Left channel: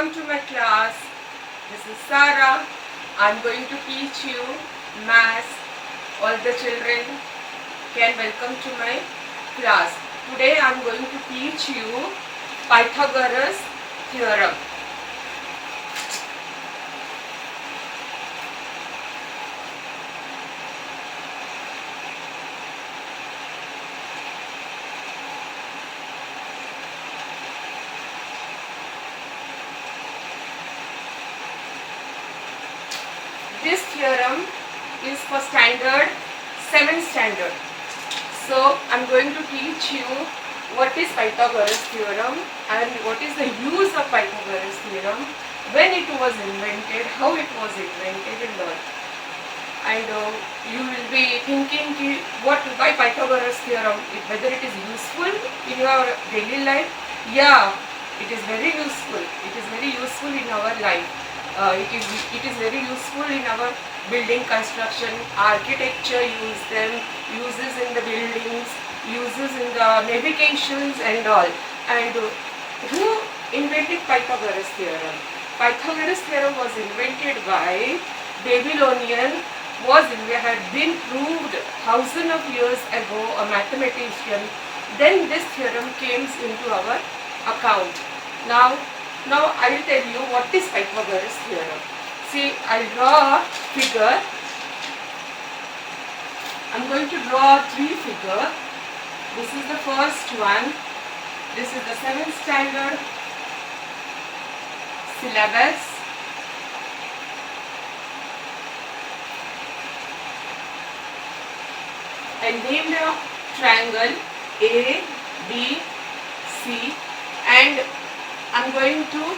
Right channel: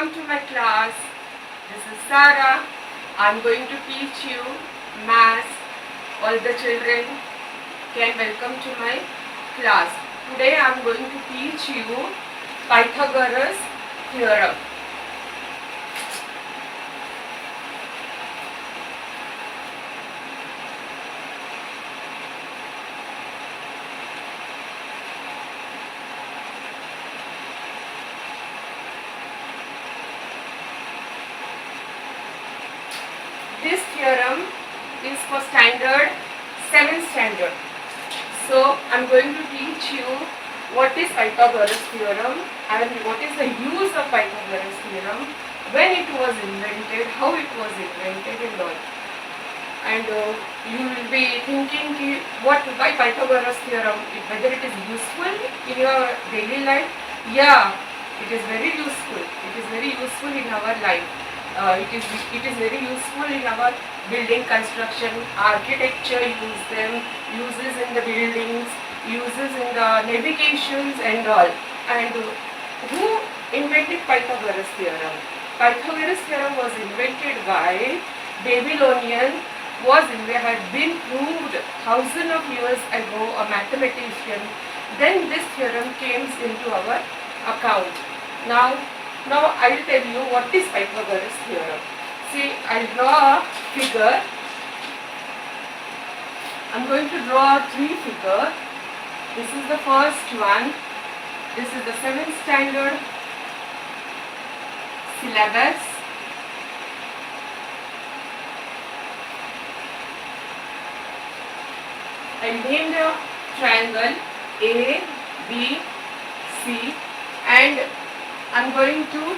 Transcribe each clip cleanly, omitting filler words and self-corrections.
welcome to my class. This is Sarah. I'm going to teach you maths. All the children can welcome to my class. Today I'm going to teach you Pythagoras theorem. This theorem is for standard 7th standard. So I'm going to teach you what is Pythagoras theorem and what is the use of Pythagoras theorem, when it was invented, how it was invented and all. And you will be thinking why Pythagoras theorem, whether it is useful in your daily life. Yeah, it is very useful. It is very useful in our life. It is very useful in our building construction, architecture, uses in the buildings, uses in the navigations and all. And who invented Pythagoras theorem? Pythagoras theorem was invented by Babylonian, had been proved thousands of years ago, a mathematician. Then this theorem came into our account. Now I will tell you what is Pythagoras theorem. See, I draw a figure. I am going to draw three figures. This is the first one. This is the 7th standard syllabus. I named a triangle A, B, C, and I am going to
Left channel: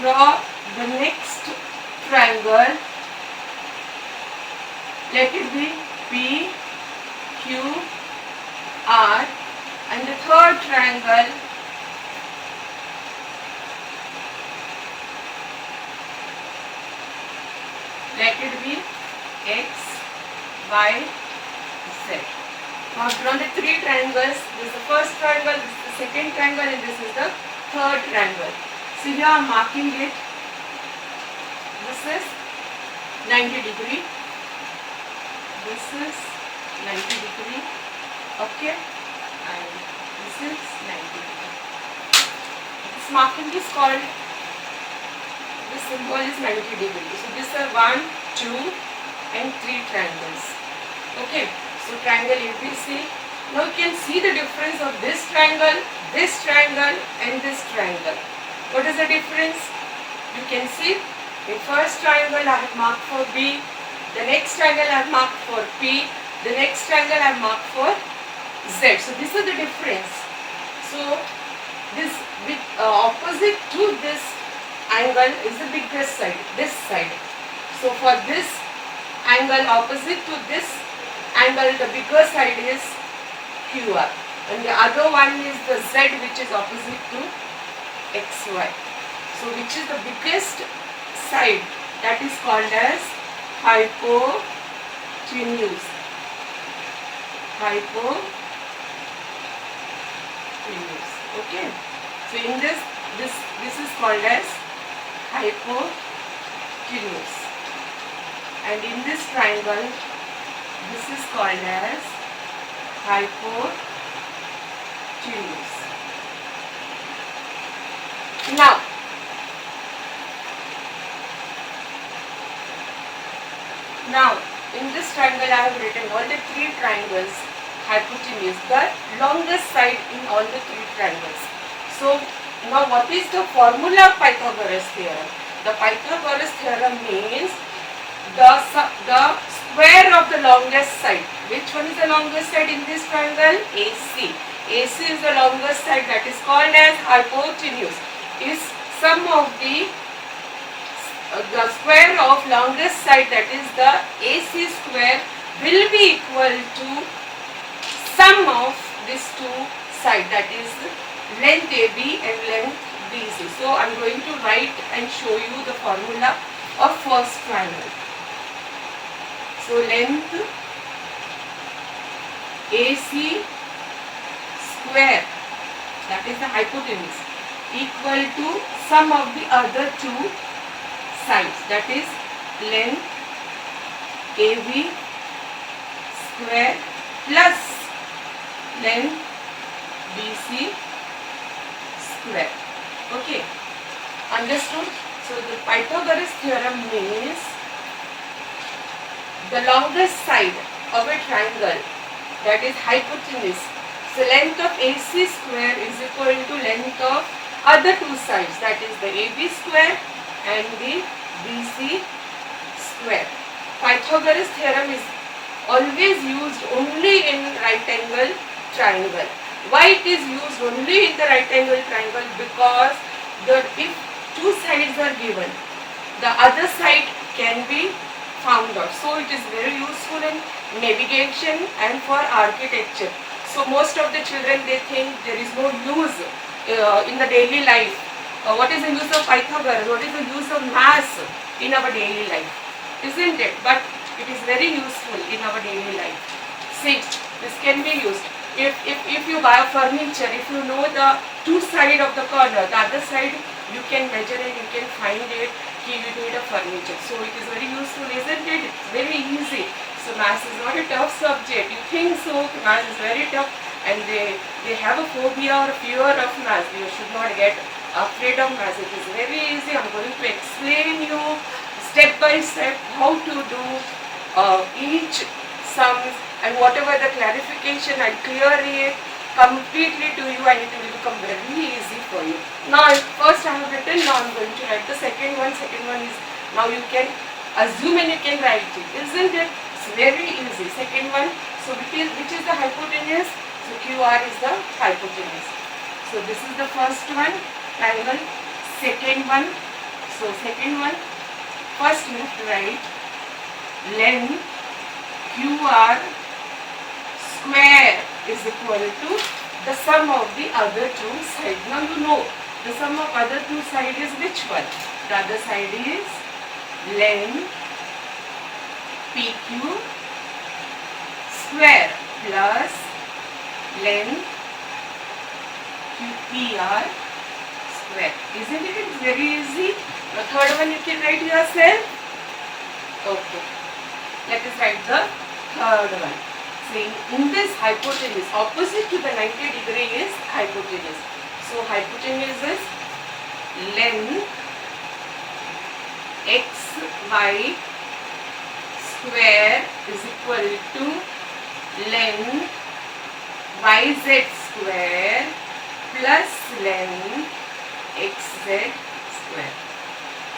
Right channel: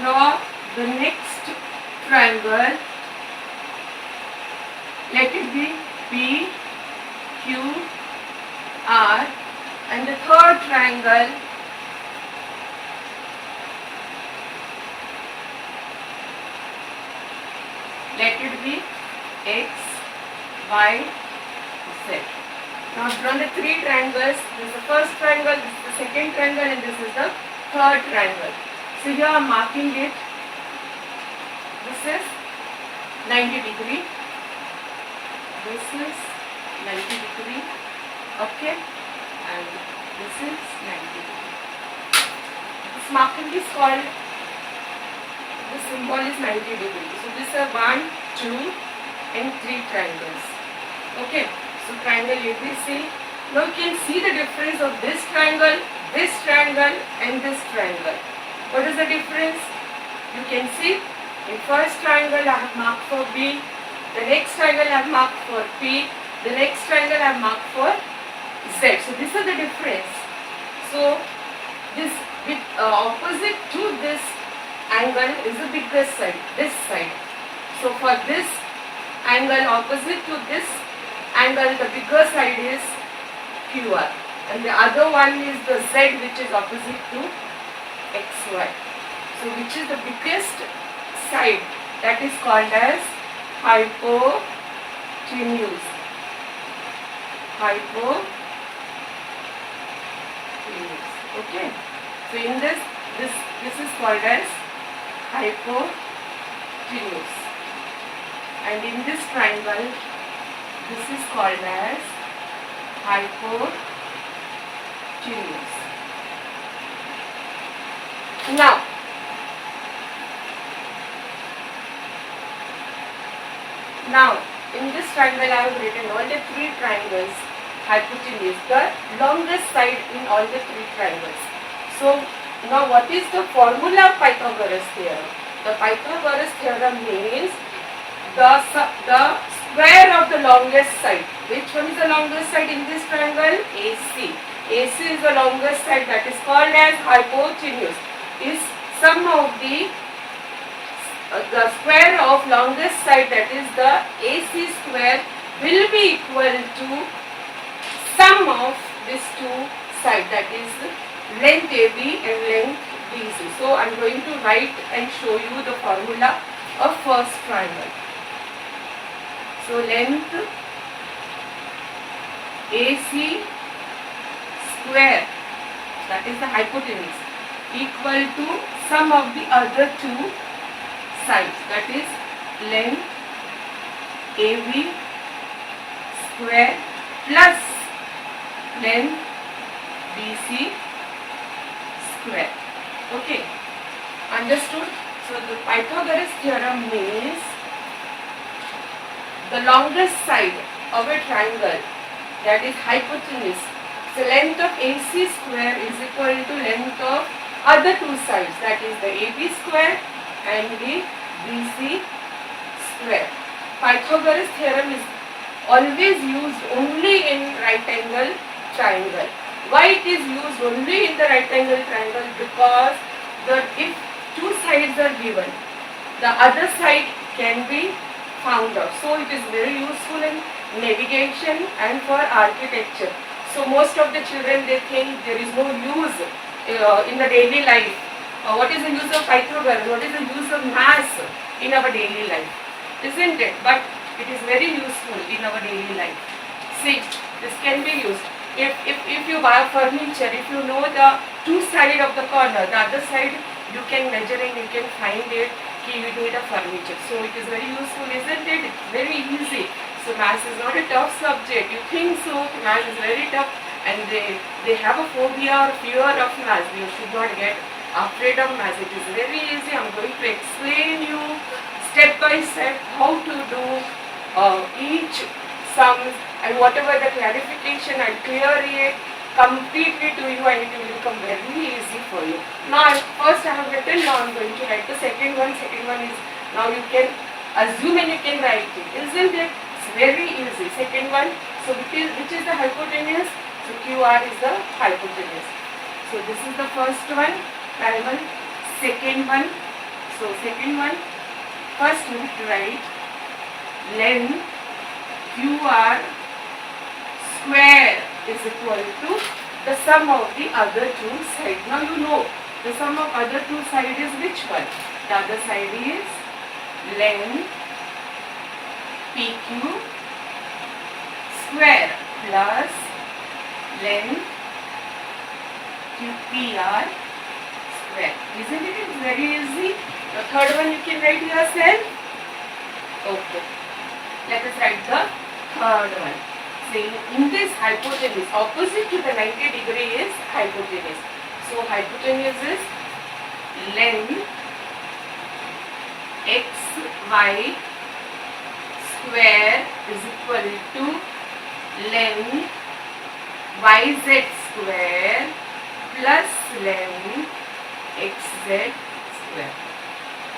draw the next triangle. Let it be P, Q, R, and the third triangle let it be X, Y, Z. Now I've drawn the three triangles. This is the first triangle, this is the second triangle, and this is the third triangle. So here I am marking it. This is 90 degree. This is 90 degree. Okay. And this is 90 degree. This marking is called, this symbol is 90 degree. So this are 1, 2 and 3 triangles. Okay. So triangle ABC. Now you can see the difference of this triangle and this triangle. What is the difference? You can see the first triangle I have marked for B, the next triangle I have marked for P, the next triangle I have marked for Z. So this is the difference. So this opposite to this angle is the biggest side, this side. So for this angle opposite to this angle, the bigger side is QR, and the other one is the Z, which is opposite to XY. So which is the biggest side? That is called as hypotenuse. Hypotenuse. Okay. So in this is called as hypotenuse, and in this triangle, this is called as hypotenuse. Now in this triangle I have written all the three triangles, hypotenuse, the longest side in all the three triangles. So now what is the formula of Pythagoras theorem? The Pythagoras theorem means the square of the longest side. Which one is the longest side in this triangle? AC. AC is the longest side, that is called as hypotenuse. Is sum of the square of longest side, that is the AC square, will be equal to sum of these two sides, that is length AB and length BC. So I am going to write and show you the formula of first triangle. So length AC square, that is the hypotenuse, equal to sum of the other two sides, that is length AB square plus length BC square. Okay, understood? So the Pythagoras theorem means the longest side of a triangle, that is hypotenuse. So length of AC square is equal to length of other two sides, that is the AB square and the BC square. Pythagoras theorem is always used only in right angle triangle. Why it is used only in the right angle triangle? Because if two sides are given, the other side can be found out. So it is very useful in navigation and for architecture. So most of the children, they think there is no use in the daily life. What is the use of Pythagoras? What is the use of maths in our daily life? Isn't it? But it is very useful in our daily life. See, this can be used. If you buy furniture, if you know the two sides of the corner, the other side you can measure and you can find it, you need a furniture. So it is very useful, isn't it? It's very easy. So maths is not a tough subject. You think so, maths is very tough and they have a phobia or fear of maths. You should not get afraid of maths. It is very easy. I am going to explain you step by step how to do each sums, and whatever the clarification I clear it completely to you and it will become very easy for you. Now first I have written, now I am going to write the second one. Second one is, now you can assume and you can write it, isn't it? It's very easy. Second one, so which is the hypotenuse? So QR is the hypotenuse. So this is the first one, triangle. Second one, so second one, first you have to write length QR square is equal to the sum of the other two sides. Now you know the sum of other two sides is which one? The other side is length PQ square plus length QPR square. Isn't it? It's very easy. The third one you can write yourself. Okay. Let us write the third one. Saying in this hypotenuse, opposite to the 90 degree is hypotenuse. So hypotenuse is length xy square is equal to length yz square plus length xz square.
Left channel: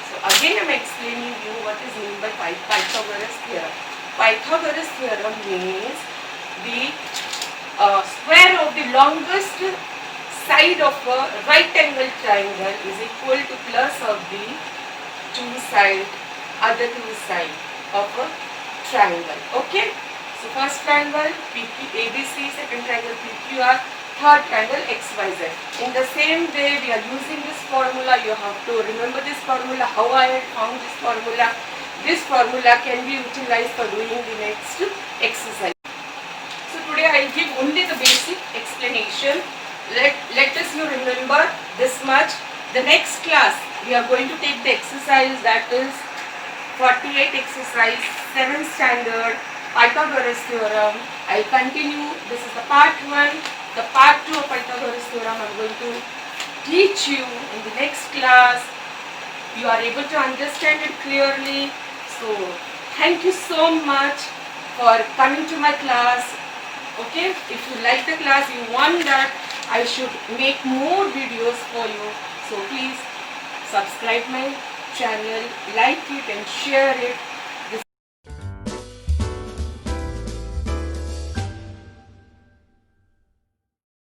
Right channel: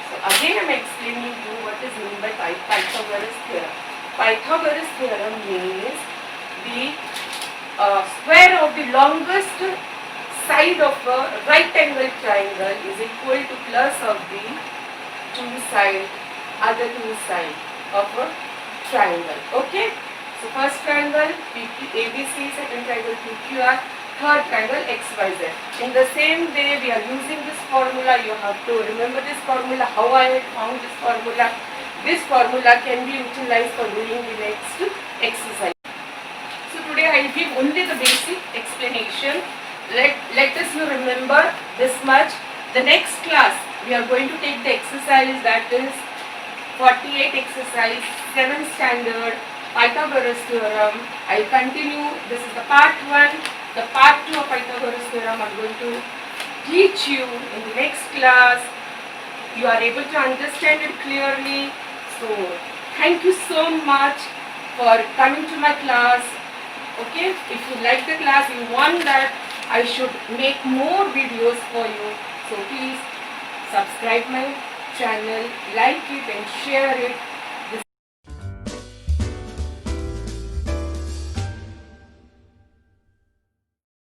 So again I am explaining you what is meant by Pythagoras theorem. Pythagoras theorem means the square of the longest side of a right angle triangle is equal to plus of the other two sides of a triangle. Okay. So first triangle ABC, second triangle PQR, third triangle XYZ. In the same way we are using this formula. You have to remember this formula, how I had found this formula. This formula can be utilized for doing the next exercise. So today I will give only the basic explanation. Let us you remember this much. The next class we are going to take the exercise, that is 48 exercise, 7th standard, Pythagoras theorem. I will continue. This is the part 1. The part 2 of Pythagoras theorem I am going to teach you in the next class. You are able to understand it clearly. So thank you so much for coming to my class. Okay, if you like the class, you want that I should make more videos for you, so please subscribe my channel, like it and share it.